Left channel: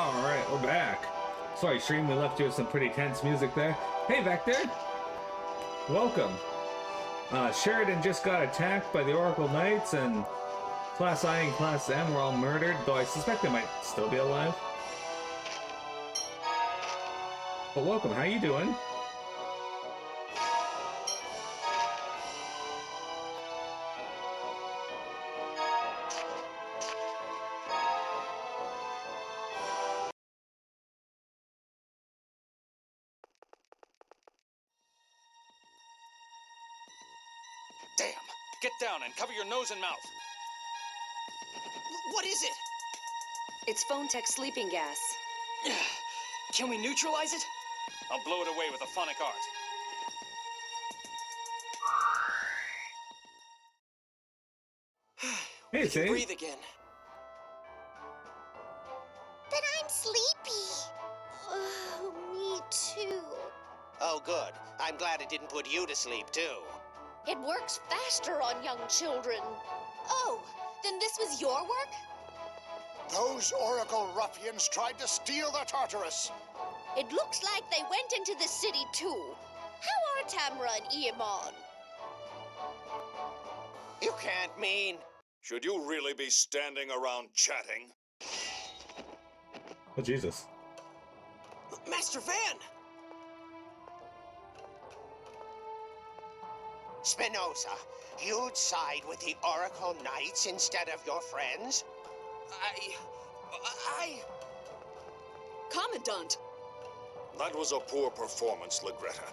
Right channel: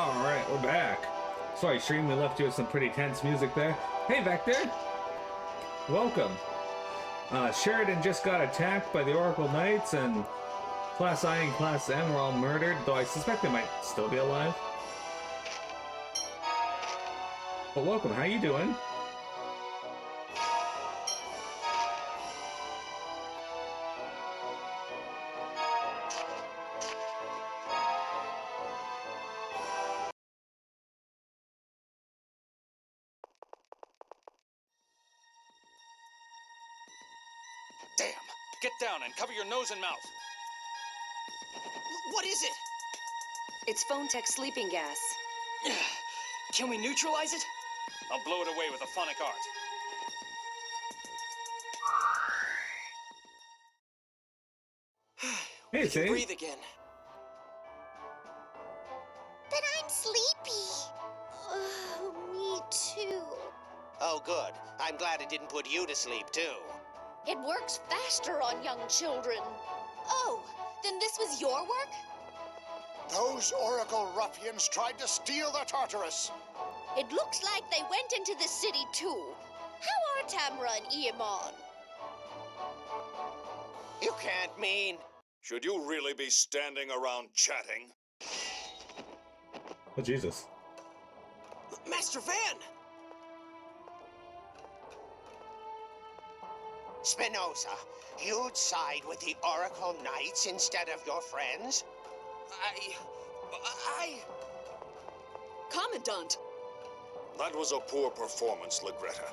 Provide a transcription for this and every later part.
Alright, we're back. Sorry, stream, we left you with some pretty tense music there. Hey, Vector! Welcome. Sheridan just got attacked by the Oracle Knights, and Class I and Class M were all murdered, though I suspect they might still be alive. But welcome, how you doing? Damn! Get down and cover your nose and mouth! What is it? It's Phone Tech sleeping gas. Can we neutralize it? I'll blow it away with a phonic art. Hey, Zane. Breathe again. But I'm sleepy. Oh, me too. Oh, good. I'm glad it didn't put you to sleep, too. It works faster on young children. Oh, then this was your work? Those Oracle ruffians tried to steal the Tartarus. It looks like they went into the city too. How are Tamara and Iamon? You can't mean... Should you really be standing around chatting? Oh, Jesus. Master Van! Spinoza, you'd side with the Oracle Knights instead of your friends? Commandant! That was a poor performance, Legretta.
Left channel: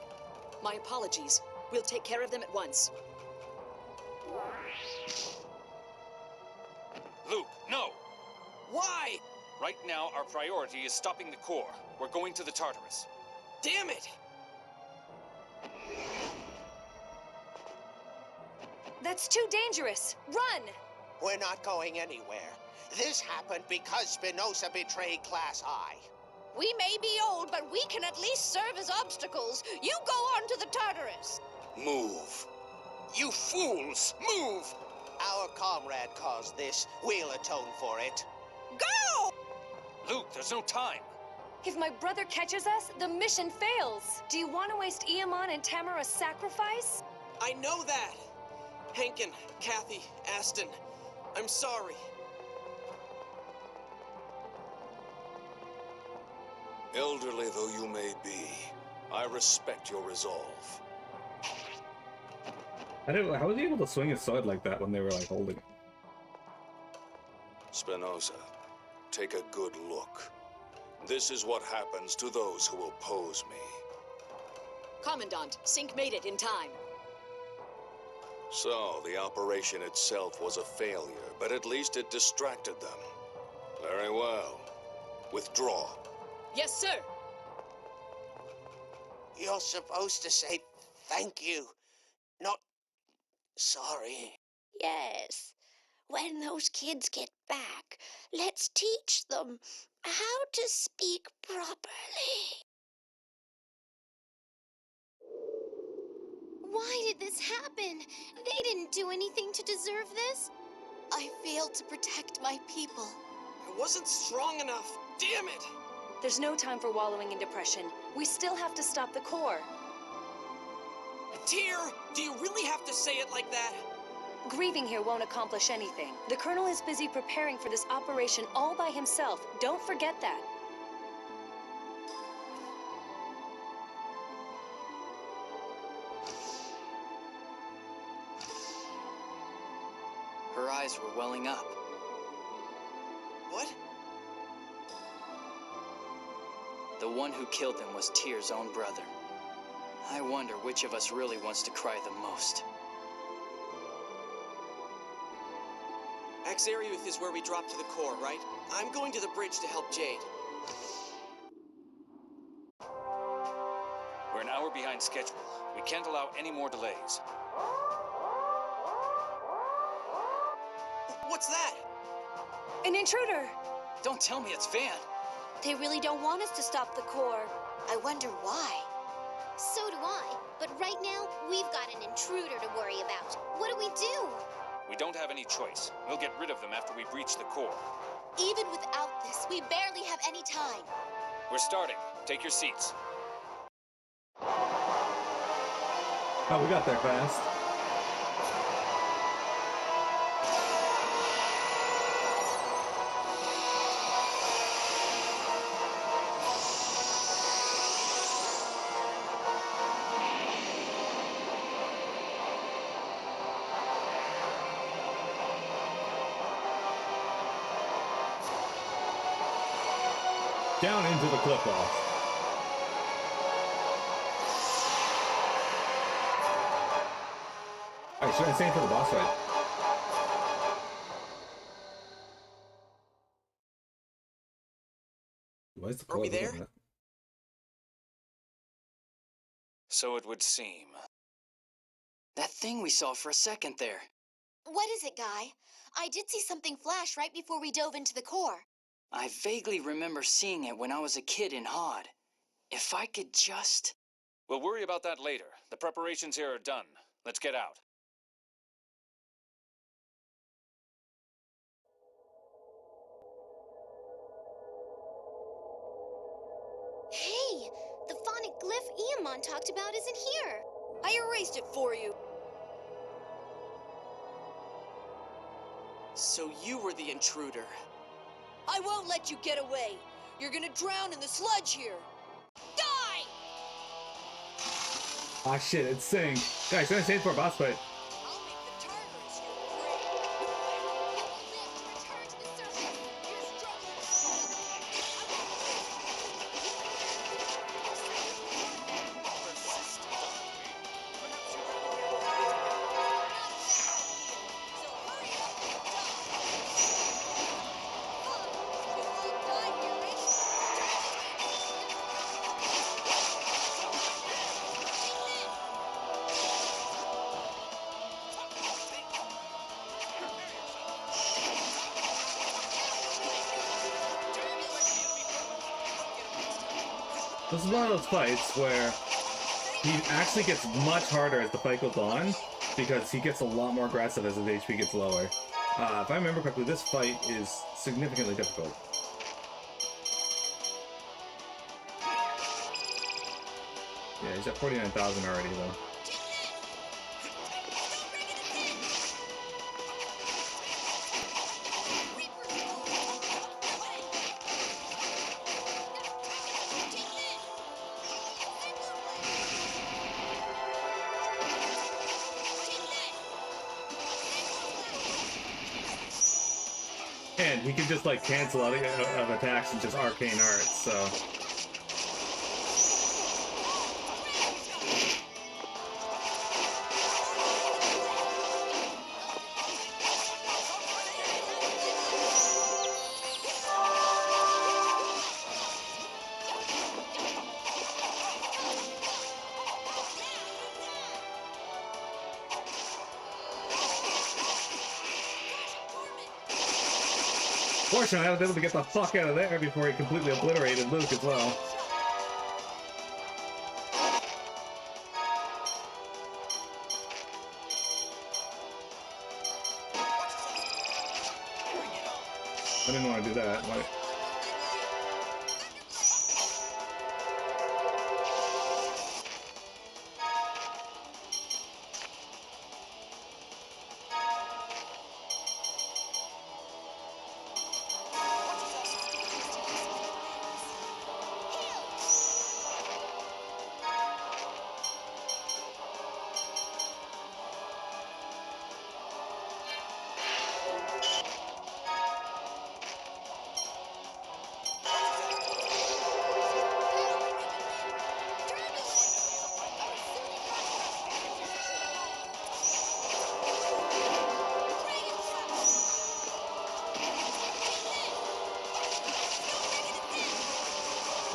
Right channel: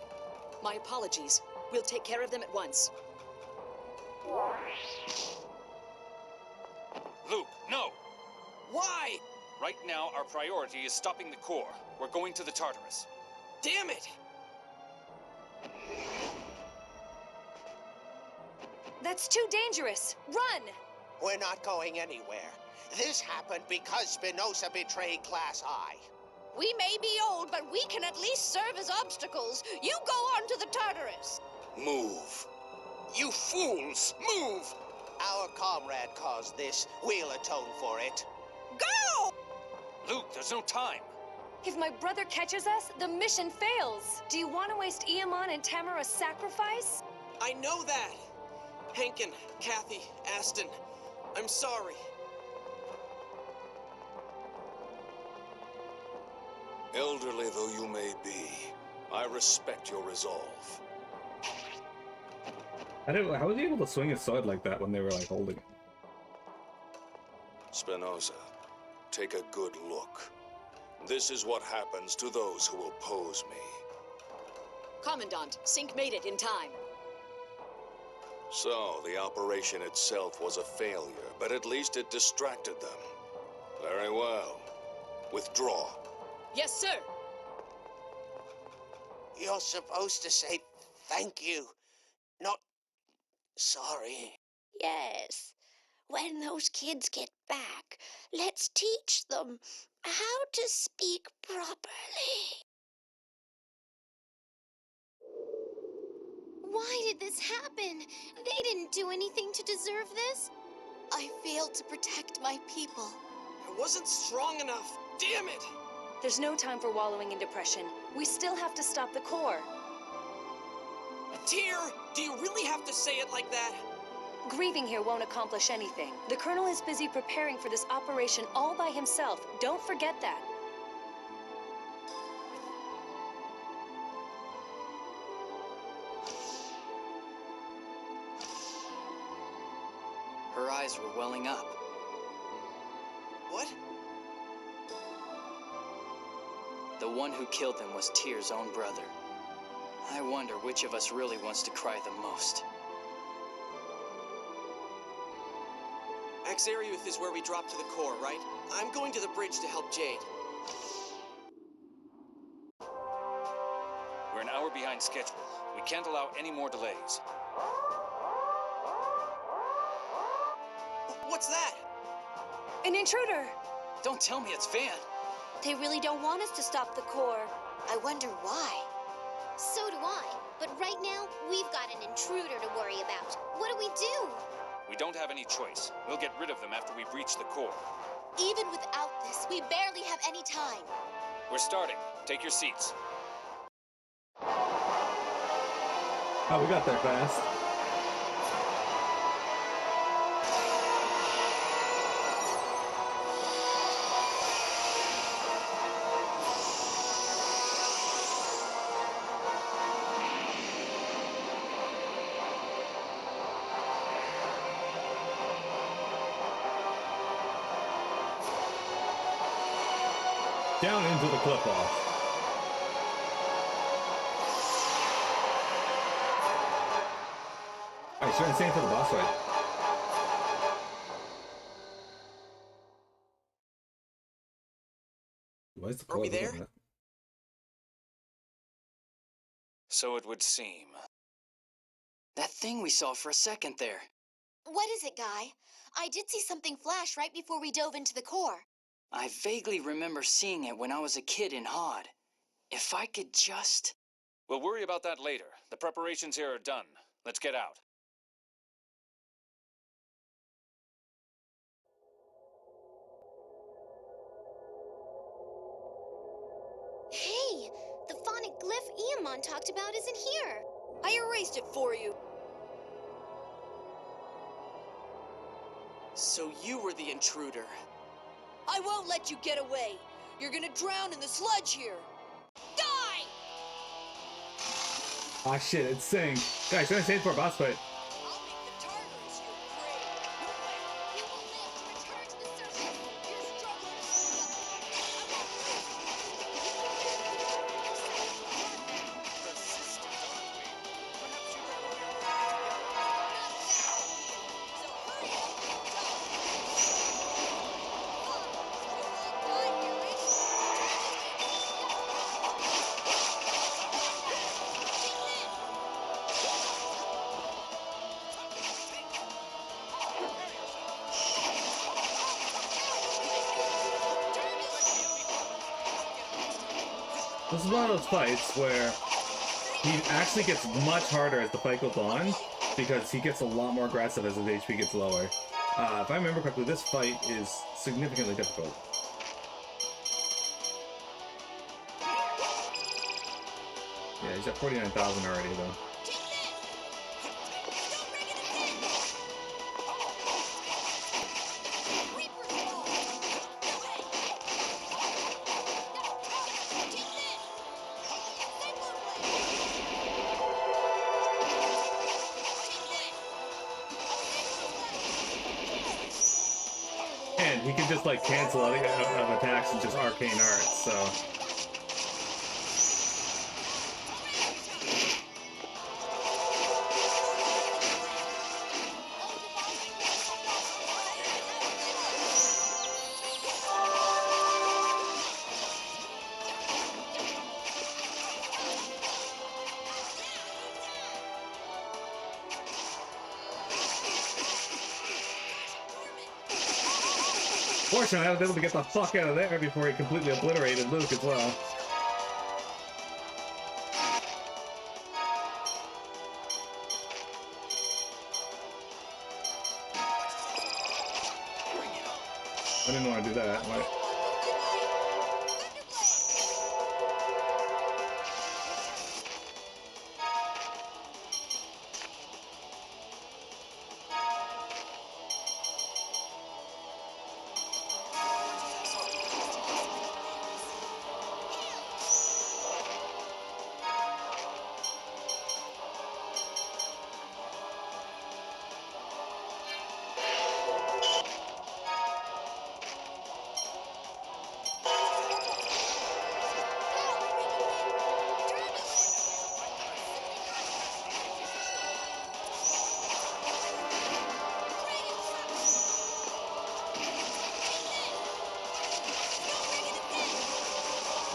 My apologies. We'll take care of them at once. Luke, no! Why? Right now, our priority is stopping the core. We're going to the Tartarus. Damn it! That's too dangerous. Run! We're not going anywhere. This happened because Spinoza betrayed Class I. We may be old, but we can at least serve as obstacles. You go on to the Tartarus. Move. You fools! Move! Our comrade caused this. We'll atone for it. Go! Luke, there's no time. If my brother catches us, the mission fails. Do you want to waste Iamon and Tamara's sacrifice? I know that! Hankin, Kathy, Aston, I'm sorry. Elderly though you may be, I respect your resolve. How was he able to swing his sword like that when they were, like, holding it? Spinoza, take a good look. This is what happens to those who oppose me. Commandant, Sync made it in time. So, the operation itself was a failure, but at least it distracted them. Very well. Withdraw. Yes, sir! You're supposed to say thank you, not sorry. Yes. When those kids get back, let's teach them how to speak properly. Why did this happen? They didn't do anything to deserve this. I failed to protect my people. I wasn't strong enough. Damn it! There's no time for wallowing in depression. We still have to stop the core. Tyr, do you really have to say it like that? Grieving here won't accomplish anything. The Colonel is busy preparing for this operation all by himself. Don't forget that. Her eyes were welling up. What? The one who killed them was Tyr's own brother. I wonder which of us really wants to cry the most. Axariuth is where we drop to the core, right? I'm going to the bridge to help Jade. We're an hour behind schedule. We can't allow any more delays. What's that? An intruder! Don't tell me it's Van! They really don't want us to stop the core. I wonder why. So do I. But right now, we've got an intruder to worry about. What do we do? We don't have any choice. We'll get rid of them after we breach the core. Even without this, we barely have any time. We're starting. Take your seats. Oh, we got there fast. Down into the cliff off. Alright, should I stay for the boss fight? Why is the Are we cloud there? open? So it would seem. That thing we saw for a second there. What is it, Guy? I did see something flash right before we dove into the core. I vaguely remember seeing it when I was a kid in Hod. If I could just... We'll worry about that later. The preparations here are done. Let's get out. Hey, the phonic glyph Eamon talked about isn't here. I erased it for you. So you were the intruder. I won't let you get away. You're gonna drown in the sludge here. Die! Ah shit, it's Sync. Guys, should I stay for a boss fight? I'll make the Tartarus your prey. No way! You will live to return to the surface! You're struggling for nothing. I won't lose. Run now! Persistent, aren't we? Perhaps you'd rather we all die together? Not a bad idea. So hurry up and die. Fine. You'll all die here, eh? This is one of those fights where he actually gets much harder as the fight goes on, because he gets a lot more aggressive as his HP gets lower. If I remember correctly, this fight is significantly difficult. Yeah, he's at 49,000 already, though. And he can just like cancel out of attacks and just arcane art, so. Fortunately, I was able to get the fuck out of there before he completely obliterated Luke as well. I didn't want to do that. Why?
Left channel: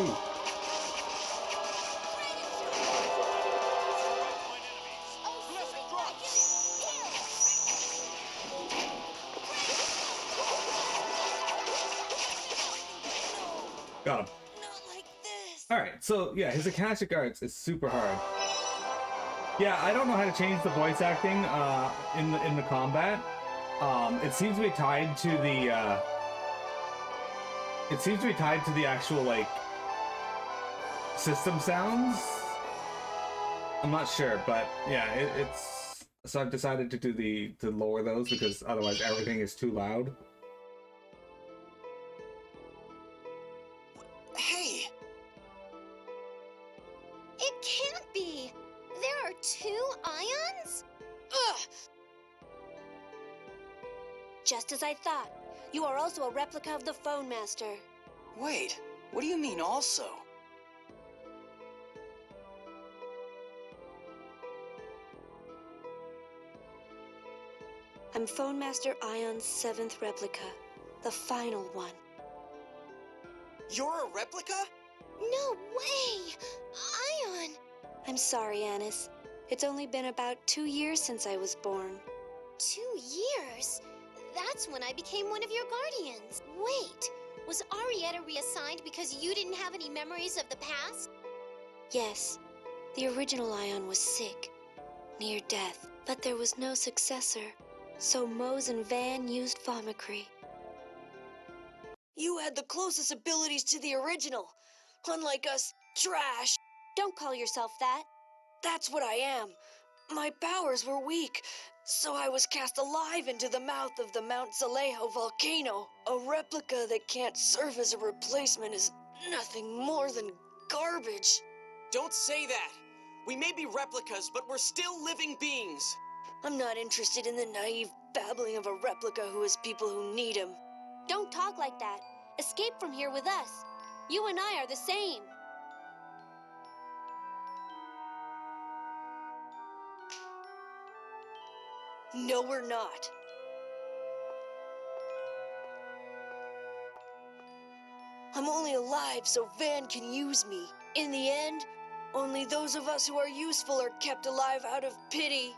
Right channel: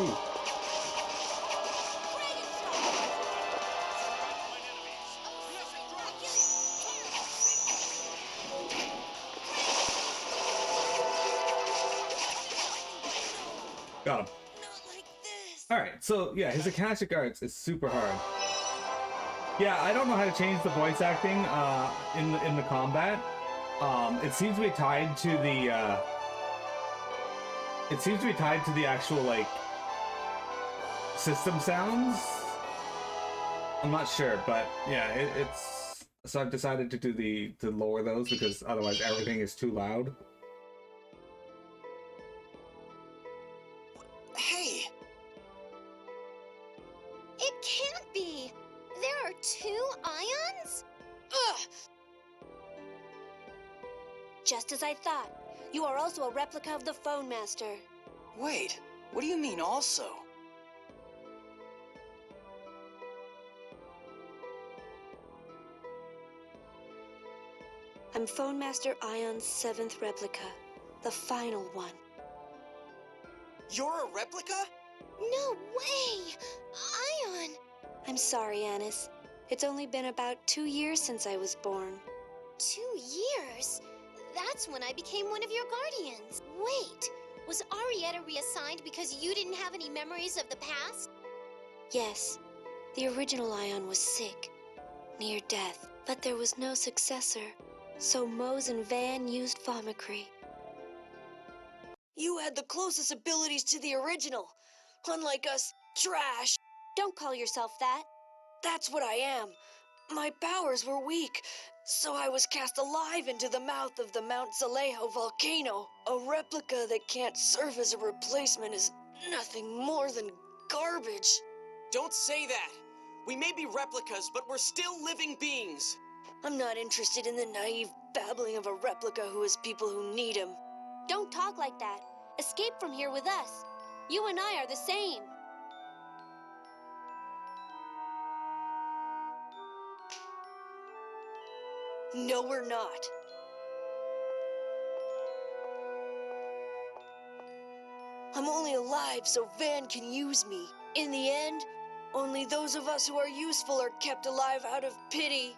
Ooh. Got him. Alright, so yeah, his Akashic Arts is super hard. Yeah, I don't know how to change the voice acting in the combat. It seems to be tied to the It seems to be tied to the actual, like, system sounds. I'm not sure, but yeah, it's... So I've decided to do to lower those because otherwise everything is too loud. Hey! It can't be! There are 2 ions? Ugh! Just as I thought. You are also a replica of the Phone Master. Wait, what do you mean also? I'm Phone Master Ion's 7th replica. The final one. You're a replica? No way! Ion! I'm sorry, Anis. It's only been about 2 years since I was born. 2 years? That's when I became one of your guardians. Wait, was Arietta reassigned because you didn't have any memories of the past? Yes, the original Ion was sick, near death, but there was no successor. So Mose and Van used Thaumacrine. You had the closest abilities to the original. Unlike us, trash. Don't call yourself that. That's what I am. My powers were weak, so I was cast alive into the mouth of the Mount Zalejo volcano. A replica that can't serve as a replacement is nothing more than garbage. Don't say that! We may be replicas, but we're still living beings! I'm not interested in the naive babbling of a replica who has people who need him. Don't talk like that. Escape from here with us. You and I are the same. No, we're not. I'm only alive so Van can use me. In the end, only those of us who are useful are kept alive out of pity.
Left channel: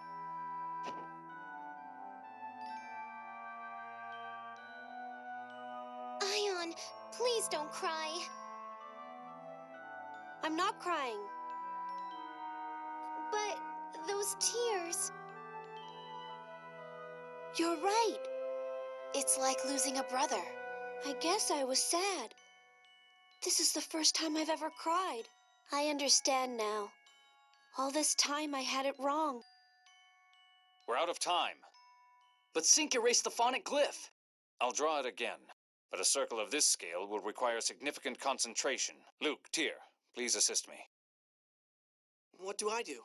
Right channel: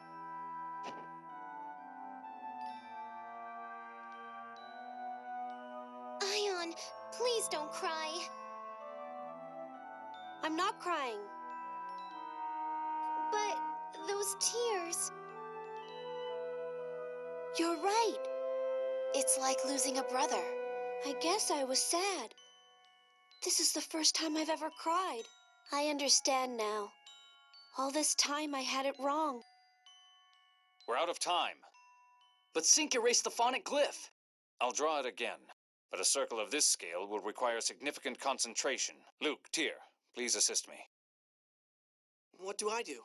Ion, please don't cry. I'm not crying. But those tears... You're right. It's like losing a brother. I guess I was sad. This is the first time I've ever cried. I understand now. All this time I had it wrong. We're out of time. But Sync erased the phonic glyph. I'll draw it again, but a circle of this scale will require significant concentration. Luke, Tyr, please assist me. What do I do?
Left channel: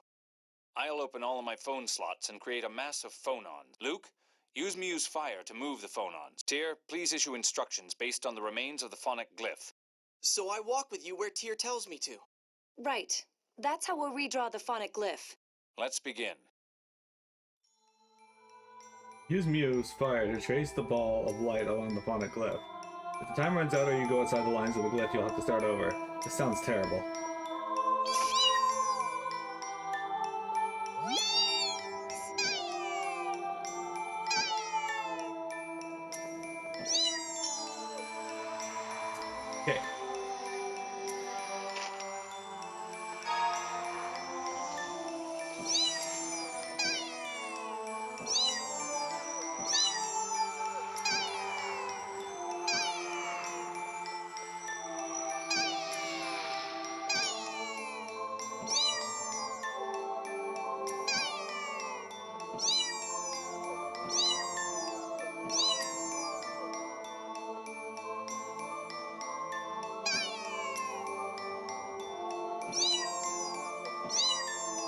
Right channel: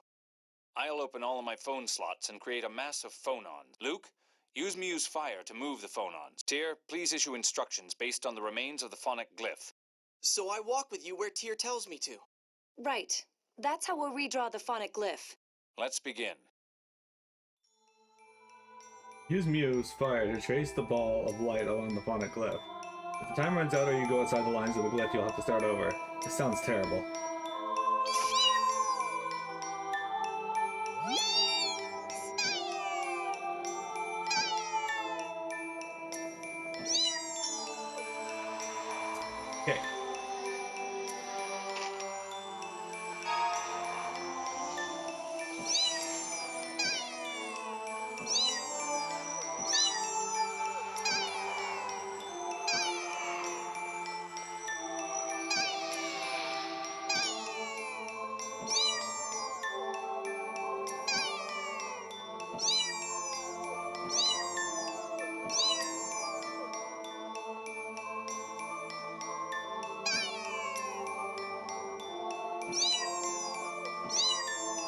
I'll open all of my phone slots and create a mass of phonons. Luke, use Muse Fire to move the phonons. Tyr, please issue instructions based on the remains of the phonic glyph. So I walk with you where Tyr tells me to. Right. That's how we'll redraw the phonic glyph. Let's begin. Use Muse Fire to trace the ball of light along the phonic glyph. If the time runs out or you go outside the lines of the glyph, you'll have to start over. This sounds terrible. Okay.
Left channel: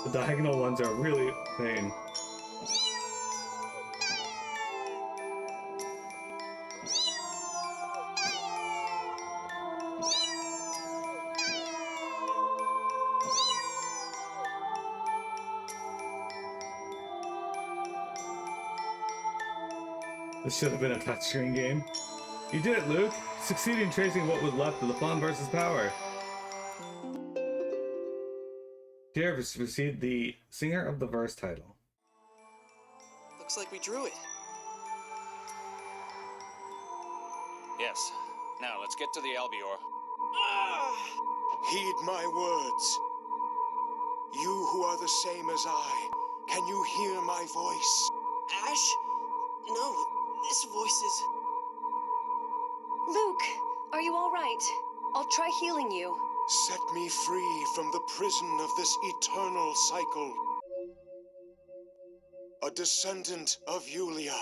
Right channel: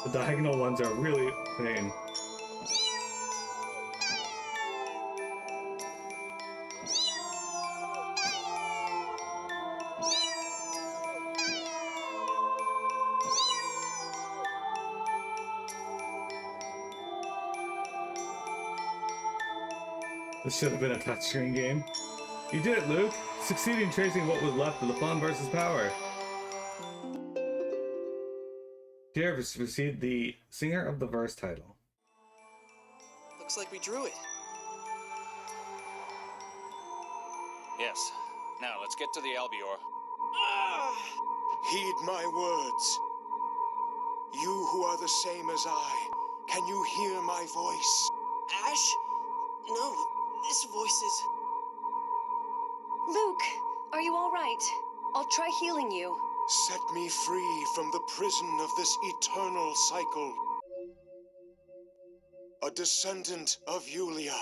The diagonal ones are really a pain. This should have been a touchscreen game. You did it, Luke! Succeeding in tracing what was left of the Fawn versus Power. Tyr has received the Singer of the Verse title. Looks like we drew it. Yes. Now let's get to the Albior. Ah! Heed my words. You who are the same as I, can you hear my voice? Ash? No, this voice is... Luke, Are you all right? I'll try healing you. Set me free from the prison of this eternal cycle. A descendant of Yulia.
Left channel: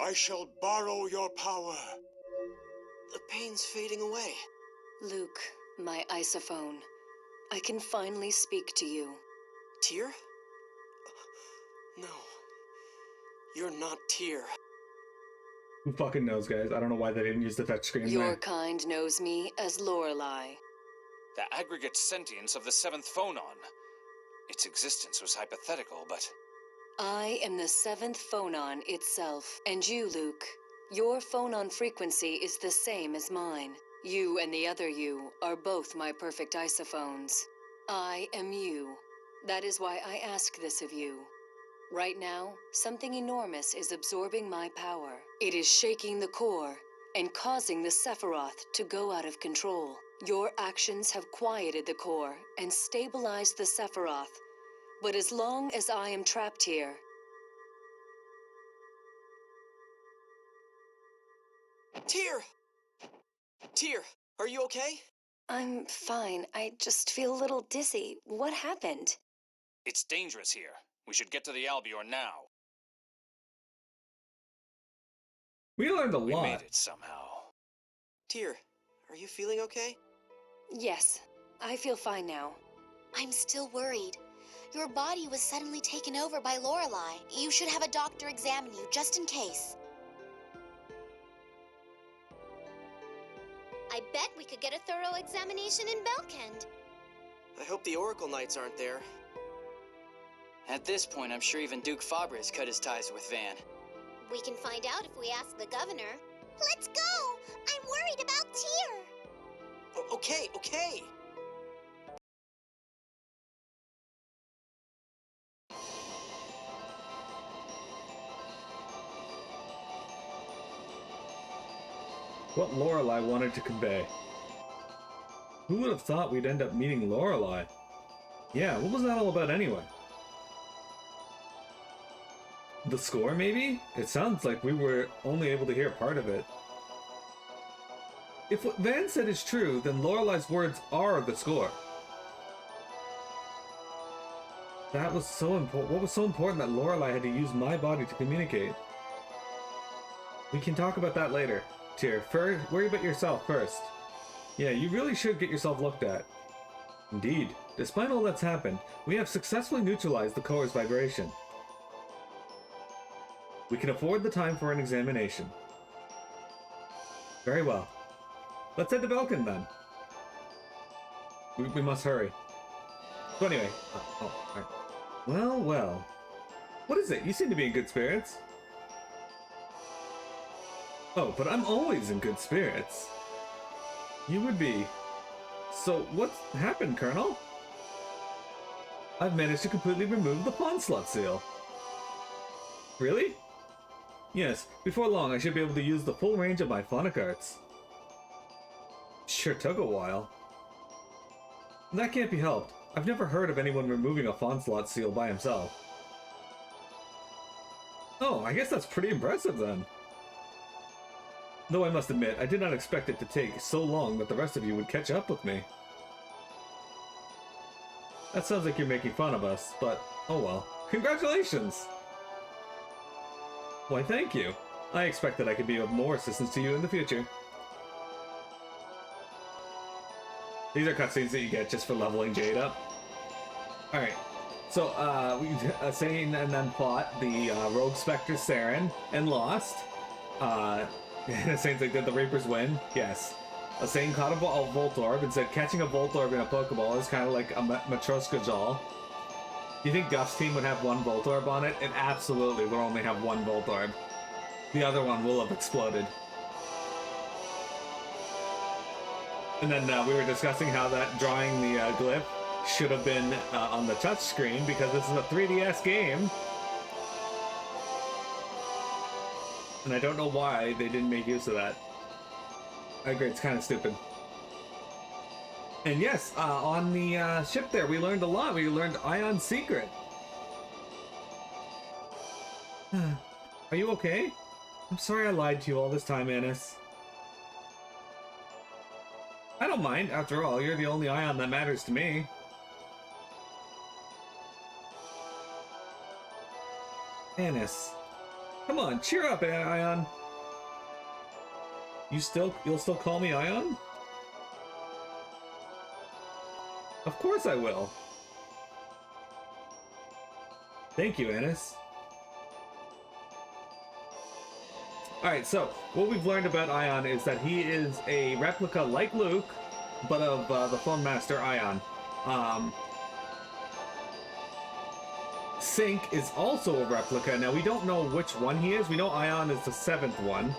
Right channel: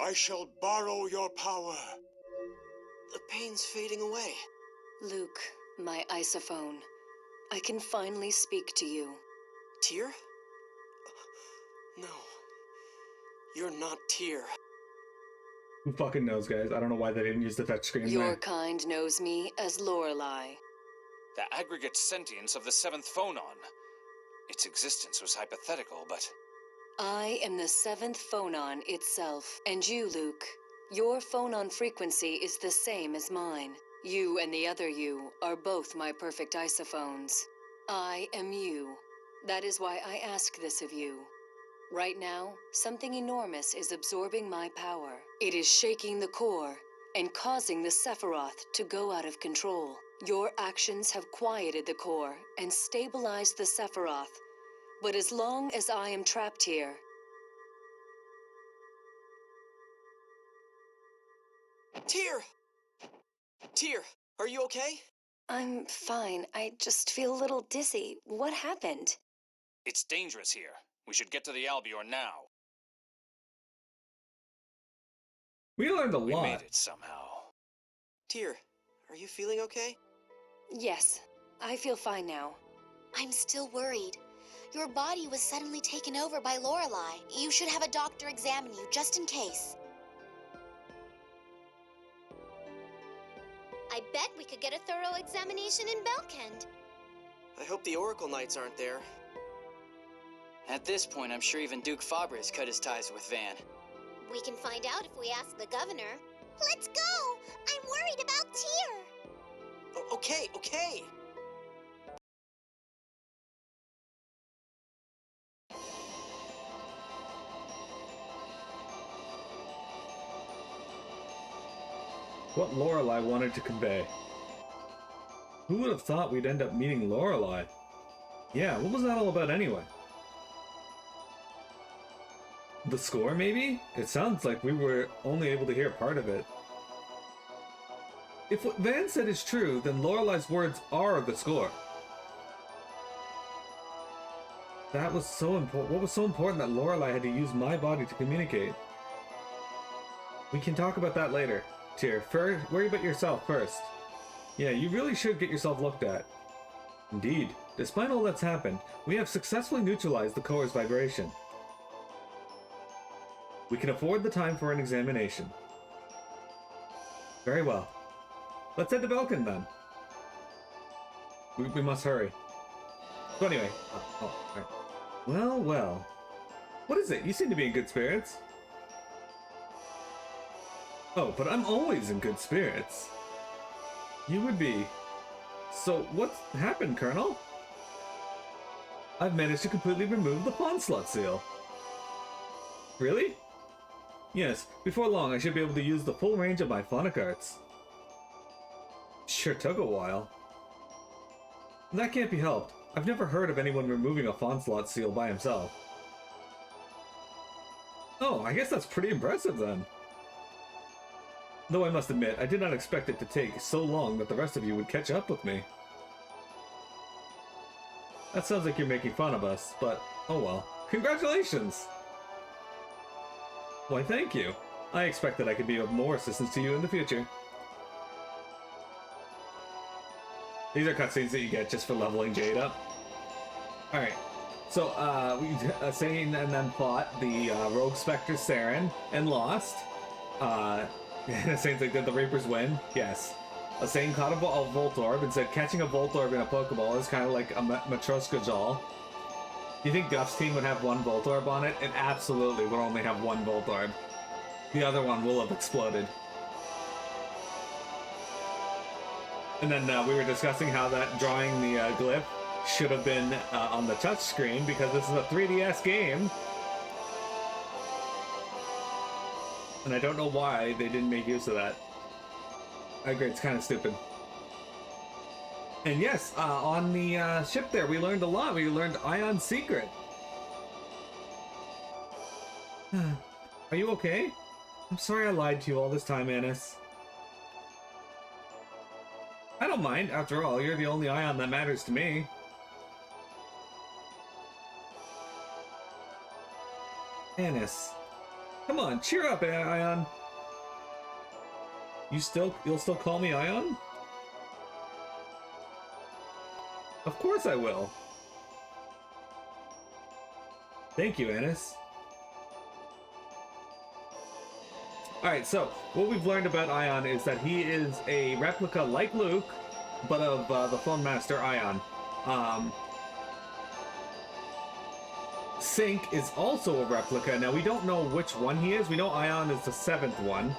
I shall borrow your power. The pain's fading away. Luke, my isophone. I can finally speak to you. Tyr? No. You're not Tyr. Who fucking knows, guys? I don't know why they didn't use the touchscreen Your there. kind knows me as Lorelei. The aggregate sentience of the seventh phonon. Its existence was hypothetical, but I am the seventh phonon itself. And you, Luke, your phonon frequency is the same as mine. You and the other you are both my perfect isophones. I am you. That is why I ask this of you. Right now, something enormous is absorbing my power. It is shaking the core and causing the Sephiroth to go out of control. Your actions have quieted the core and stabilized the Sephiroth. But as long as I am trapped here, Tyr! Tyr, are you okay? I'm fine. I just feel a little dizzy. What happened? it's dangerous here. We should get to the Albion now. We learned a We lot. made it somehow. Tyr, are you feeling okay? Yes, I feel fine now. I'm still worried. Your body was suddenly taken over by Lorelei. You should have a doctor examine you, just in case. I bet we could get a thorough examination in Belkend. I hope the Oracle Knights aren't there. At this point, I'm sure even Duke Faber has cut his ties with Van. We can find out if we ask the governor. Let's go! I'm worried about Tyr! Oh, okay. What Lorelei wanted to convey. Who would have thought we'd end up meeting Lorelei? Yeah, what was that all about anyway? The score, maybe? It sounds like we were only able to hear part of it. If what Van said is true, then Lorelei's words are the score. That was so important. What was so important that Lorelei had to use my body to communicate? We can talk about that later. Tyr, first, worry about yourself first. Yeah, you really should get yourself looked at. Indeed, despite all that's happened, we have successfully neutralized the core's vibration. We can afford the time for an examination. Very well. Let's head to Belkend then. We must hurry. So anyway, alright. Well. What is it? You seem to be in good spirits. Oh, but I'm always in good spirits. You would be. So, what's happened, Colonel? I've managed to completely remove the pawn slot seal. Really? Yes, before long I should be able to use the full range of my phonic arts. Sure took a while. That can't be helped. I've never heard of anyone removing a pawn slot seal by himself. Oh, I guess that's pretty impressive then. Though I must admit, I did not expect it to take so long that the rest of you would catch up with me. That sounds like you're making fun of us, but oh well. Congratulations! Why, thank you. I expected I could be of more assistance to you in the future. These are cutscenes that you get just for leveling Jade up. Alright, so Sane and them fought the Rogue Spectre Saren and lost. The same thing, did the Reapers win? Yes. Sane caught a Voltorb and said catching a Voltorb in a Pokeball is kind of like a Matroska doll. Do you think Guff's team would have one Voltorb on it? It absolutely would only have one Voltorb. The other one will have exploded. And then we were discussing how that drawing the glyph should have been on the touchscreen because this is a 3DS game. And I don't know why they didn't make use of that. I agree, it's kind of stupid. And yes, on the ship there, we learned a lot. We learned Ion's secret. Are you okay? I'm sorry I lied to you all this time, Annis. I don't mind. After all, you're the only Ion that matters to me. Anis. Come on, cheer up, Ion. You'll still call me Ion? Of course I will. Thank you, Anis. Alright, so, what we've learned about Ion is that he is a replica like Luke, but of the Phone Master Ion. Sync is also a replica. Now, we don't know which one he is. We know Ion is the 7th one.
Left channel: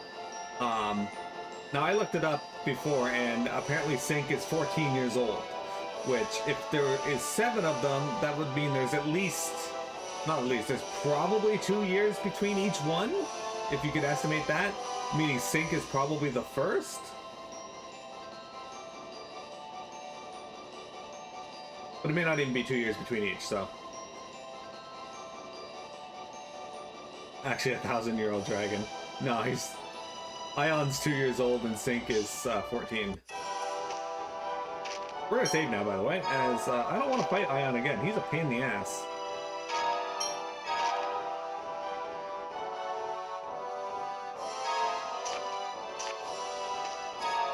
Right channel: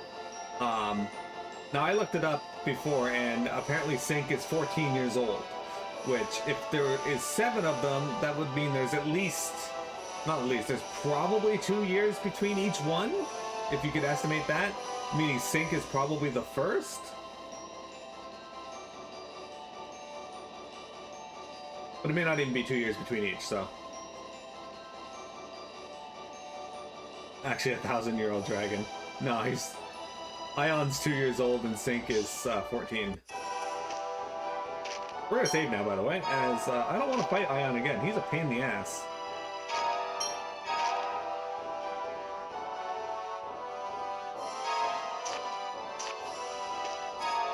Now, I looked it up before, and apparently Sync is 14 years old. Which, if there is 7 of them, that would mean there's at least... Not at least, there's probably 2 years between each one, if you could estimate that. Meaning Sync is probably the first? But it may not even be 2 years between each, so... Actually, a 1,000-year-old dragon. No, Ion's 2 years old and Sync is 14. We're gonna save now, by the way, as I don't want to fight Ion again. He's a pain in the ass.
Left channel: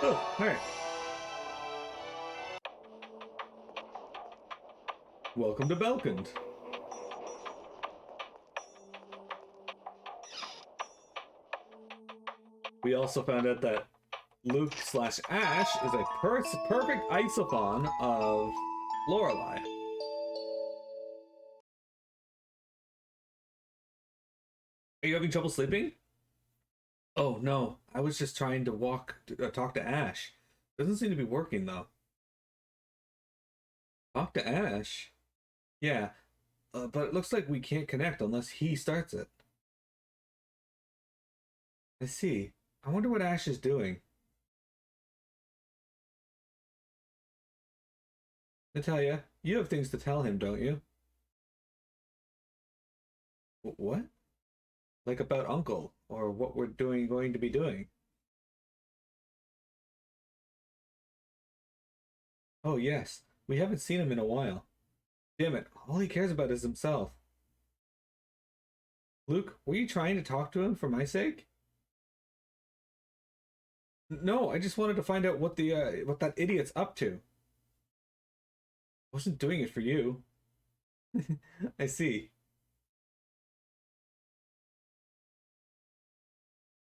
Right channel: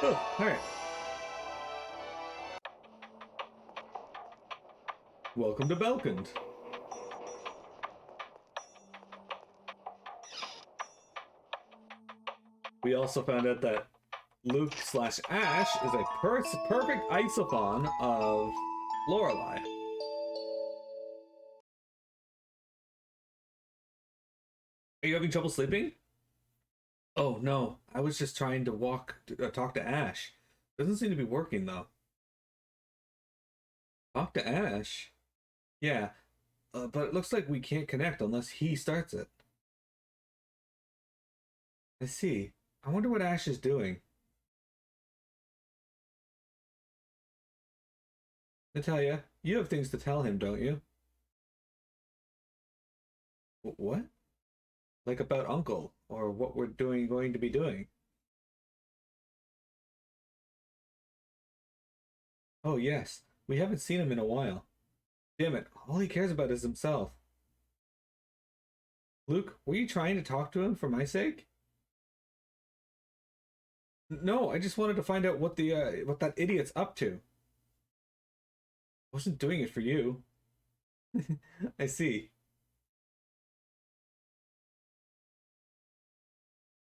Oh, alright. Welcome to Belkund. We also found out that Luke/Ash is a perfect isophon of Lorelei. Are you having trouble sleeping? Oh no, I was just trying to talk to Ash. Doesn't seem to be working though. Talk to Ash? Yeah, but it looks like we can't connect unless he starts it. I see. I wonder what Ash is doing. Natalia, you have things to tell him, don't you? What? Like about Uncle, or what we're going to be doing? Oh yes, we haven't seen him in a while. Damn it, all he cares about is himself. Luke, were you trying to talk to him for my sake? No, I just wanted to find out what that idiot's up to. I wasn't doing it for you. I see.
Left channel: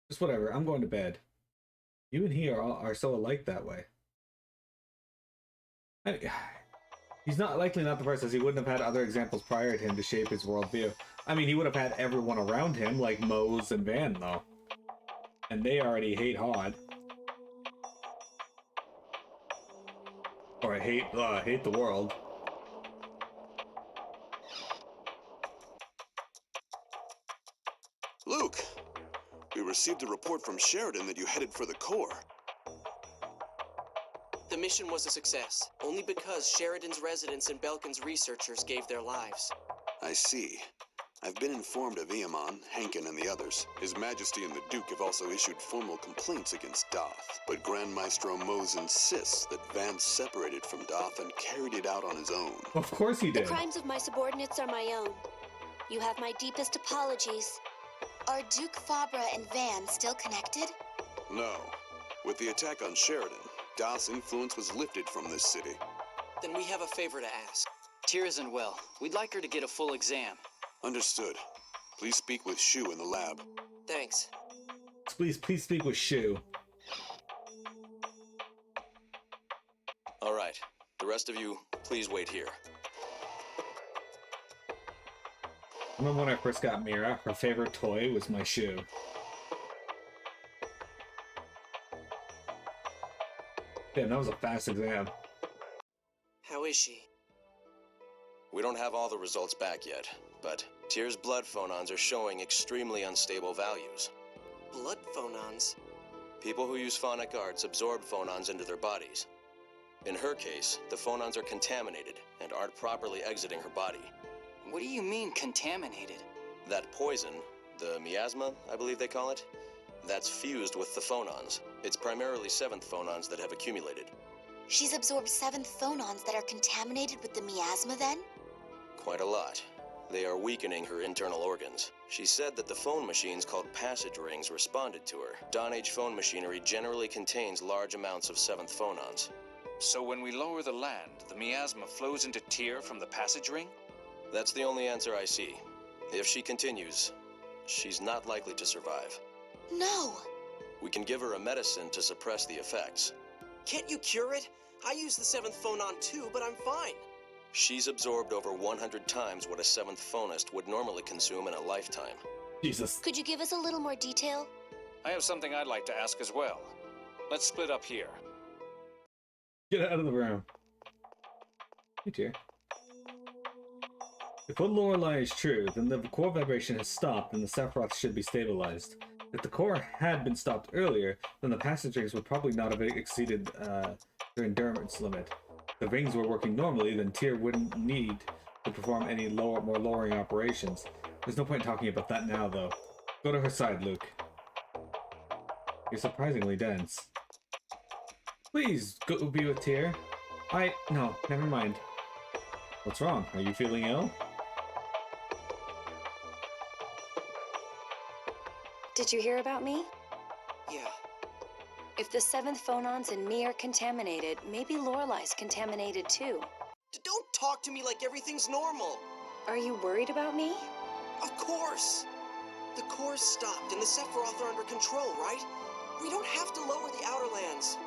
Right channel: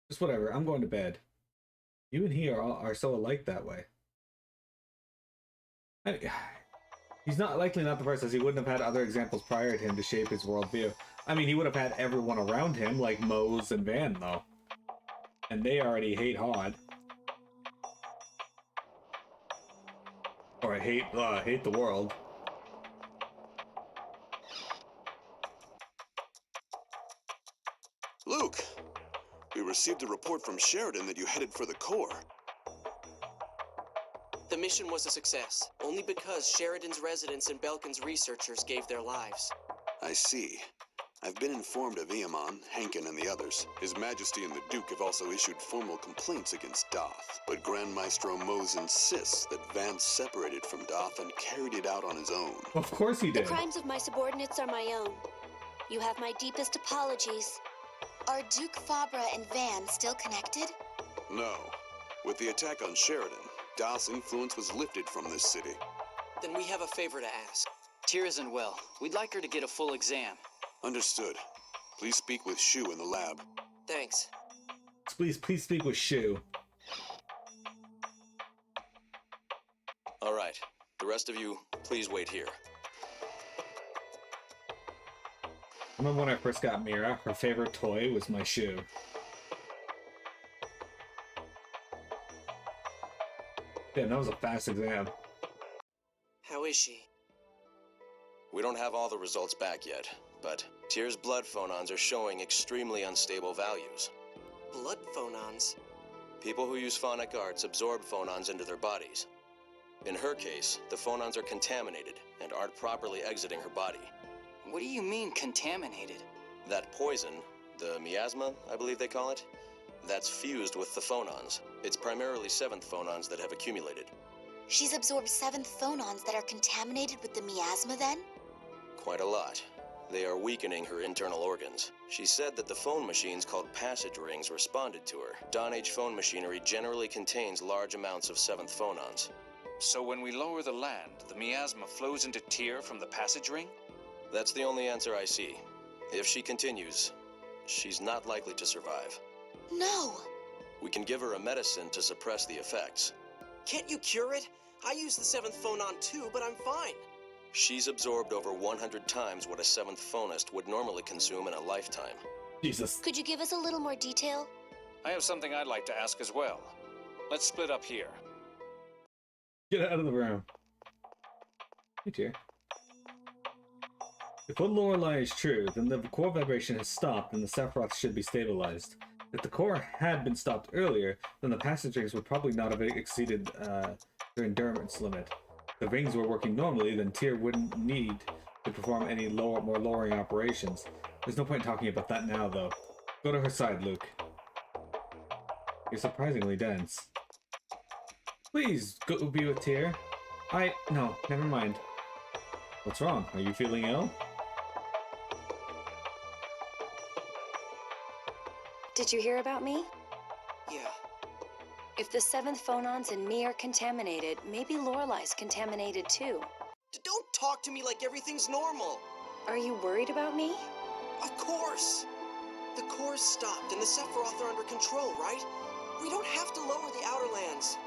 Just whatever, I'm going to bed. You and he are so alike that way. He's likely not the first, as he wouldn't have had other examples prior to him to shape his worldview. I mean, he would have had everyone around him, like Mose and Van, though. And they already hate Hod. Or I hate the world. Luke, we received a report from Sheridan that you headed for the core. The mission was a success, only because Sheridan's residents and Belkund's researchers gave their lives. I see. I've been informed of Eamon, Hankin, and the others. His Majesty and the Duke have also issued formal complaints against Doth, but Grand Maestro Mose insists that Vance separated from Doth and carried it out on his own. Of course he did. The crimes of my subordinates are my own. You have my deepest apologies. Are Duke Fabra and Van still connected? No. With the attack on Sheridan, Doth's influence was lifted from this city. Then we have a favor to ask. Tyr isn't well. We'd like her to get a full exam. Understood. Please speak with Shu in the lab. Thanks. Please speak with Shu. All right. The rest of you, please wait here. Remember when I first got Mira? Her favorite toy was my Shu. Damn, that was a fast exam. How is she? We don't have all the results back yet, but Tyr's blood phonons are showing extremely unstable values. Blood phonons? People who use phonic arts absorb phonons into their bodies. In her case, the phonons are contaminated and aren't properly exiting her body. What do you mean, contaminated? That poison, the miasma, I believe they call it, that's fused with the phonons. It's primarily 7th phonons that have accumulated. She's absorbed 7th phonons that are contaminated with the miasma then? Quite a lot. They are weakening her internal organs. She said that the phone machines called passage rings responded to her. Dawn Age phone machinery generally contains large amounts of 7th phonons. So when we lower the land, the miasma flows into Tyr from the passage ring? That's the only answer I see. If she continues, she's not likely to survive. No! We can give her a medicine to suppress the effects. Can't you cure it? I use the 7th phonon too, but I'm fine. She's absorbed over 100 times what a 7th phonist would normally consume in a lifetime. Jesus. Could you give us a little more detail? I have something I'd like to ask as well. Let's split up here. Get out of the room. Hey, dear. If what Lorelei is true, then the core vibration has stopped and the Sephiroth should be stabilized. If the core had been stopped earlier, then the passage rings would probably not have exceeded their endurance limit. If the rings were working normally, then Tyr wouldn't need to perform any more lowering operations. There's no point in talking about that now, though. Go to her side, Luke. You're surprisingly dense. Please, go be with Tyr. No, never mind. What's wrong? Are you feeling ill? Did you hear about me? Yeah. If the 7th phonons in me are contaminated, maybe Lorelei's contaminated too. Don't talk to me like everything's normal. Are you worried about me? Of course. The core's stopped and the Sephiroth are under control, right? We don't have to lower the outer lands.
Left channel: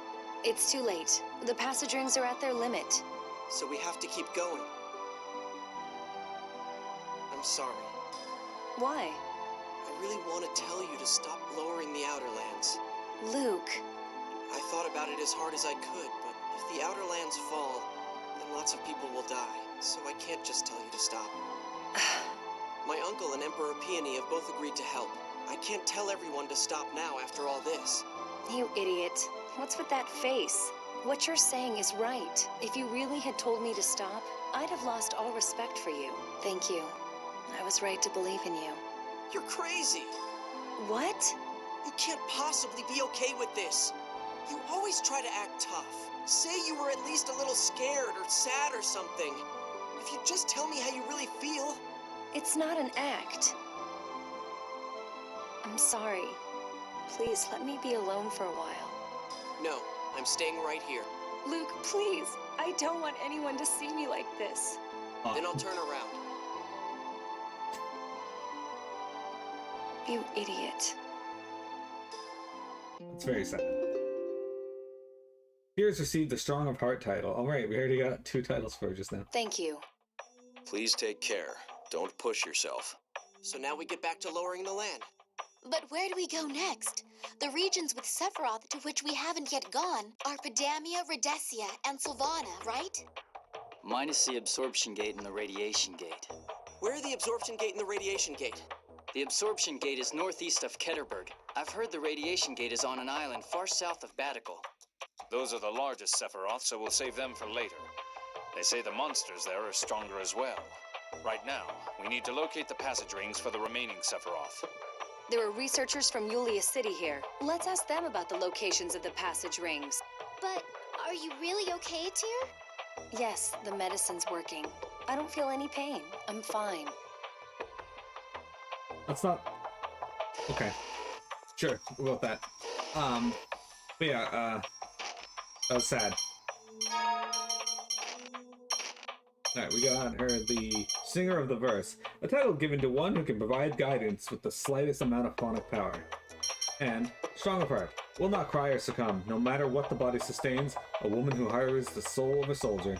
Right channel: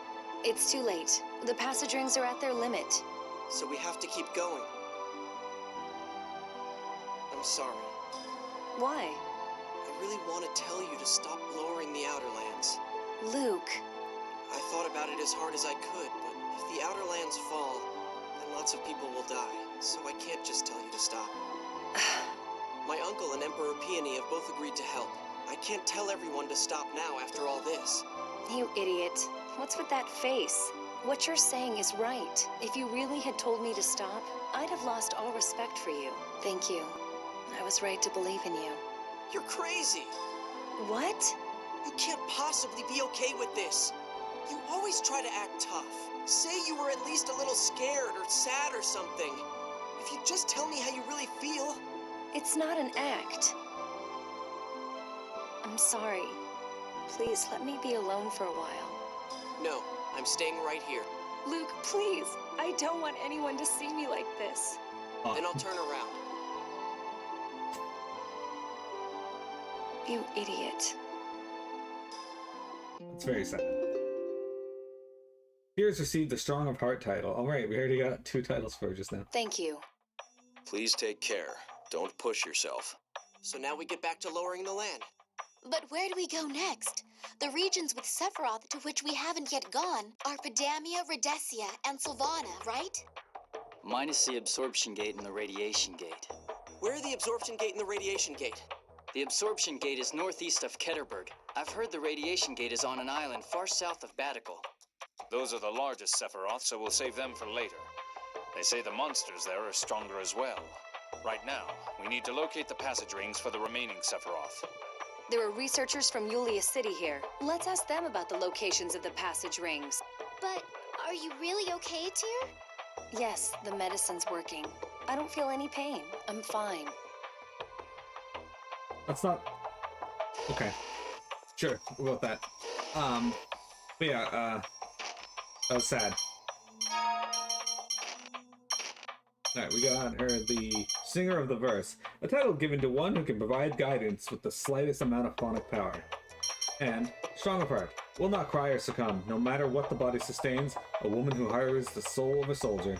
It's too late. The passage rings are at their limit. So we have to keep going. I'm sorry. Why? I really want to tell you to stop lowering the outer lands. Luke. I thought about it as hard as I could, but if the outer lands fall, then lots of people will die. So I can't just tell you to stop. My uncle and Emperor Peony have both agreed to help. I can't tell everyone to stop now after all this. You idiot. What's with that face? What you're saying is right. If you really had told me to stop, I'd have lost all respect for you. Thank you. I was right to believe in you. You're crazy! What? You can't possibly be okay with this. You always try to act tough. Say you were at least a little scared or sad or something. If you just tell me how you really feel. It's not an act. I'm sorry. Please let me be alone for a while. No, I'm staying right here. Luke, please. I don't want anyone to see me like this. Then I'll turn around. You idiot. It's very sad. Tyr's received the Strong of Heart title. Alright, we already got 2 titles for her just now. Thank you. Please take care. Don't push yourself. So now we get back to lowering the land. But where do we go next? The regions with Sephiroth to which we haven't yet gone are Pedamia, Rhodesia, and Sylvana, right? Minus the absorption gate and the radiation gate. Where are the absorption gate and the radiation gate? The absorption gate is northeast of Ketterberg. I've heard the radiation gate is on an island far south of Batical. Those are the largest Sephiroth, so we'll save them for later. They say the monsters there are stronger as well. Right now, we need to locate the passage rings for the remaining Sephiroth. There are researchers from Yulia City here. Let's ask them about the locations of the passage rings. But are you really okay, Tyr? Yes, the medicine's working. I don't feel any pain. I'm fine. That's not... Okay. Sure, we'll go with that. But yeah, that was sad. Alright, we got her the Singer of the Verse, a title given to one who can provide guidance with the slightest amount of phonic power. And Strong of Heart, will not cry or succumb, no matter what the body sustains, a woman who harbors the soul of a soldier.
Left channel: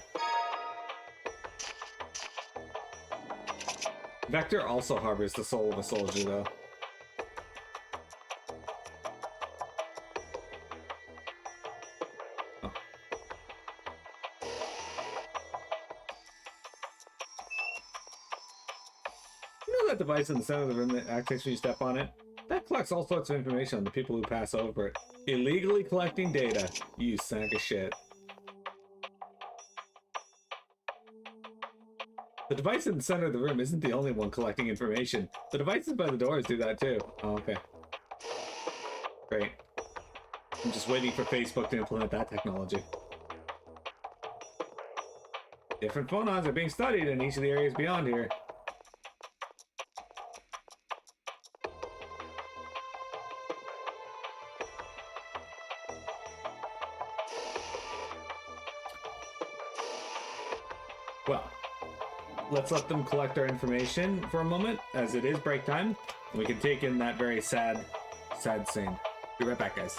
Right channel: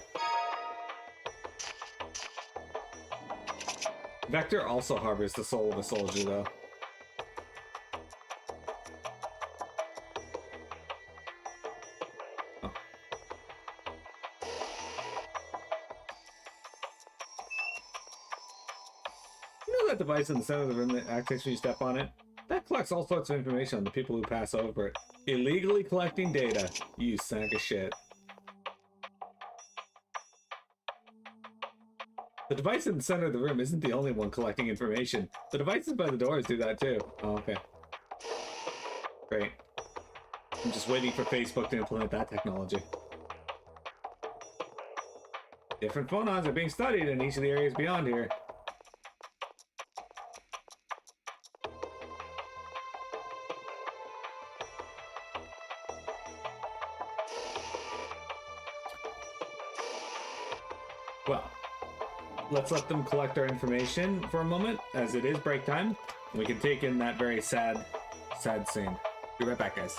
Vector also harbors the soul of a soldier, though. Oh. You know that device in the center of the room that activates when you step on it? That collects all sorts of information on the people who pass over it. Illegally collecting data, you sack of shit. The device in the center of the room isn't the only one collecting information. The devices by the doors do that too. Oh, okay. Great. I'm just waiting for Facebook to implement that technology. Different phonons are being studied in each of the areas beyond here. Well, let's let them collect our information for a moment, as it is break time. We can take in that very sad scene. Be right back, guys.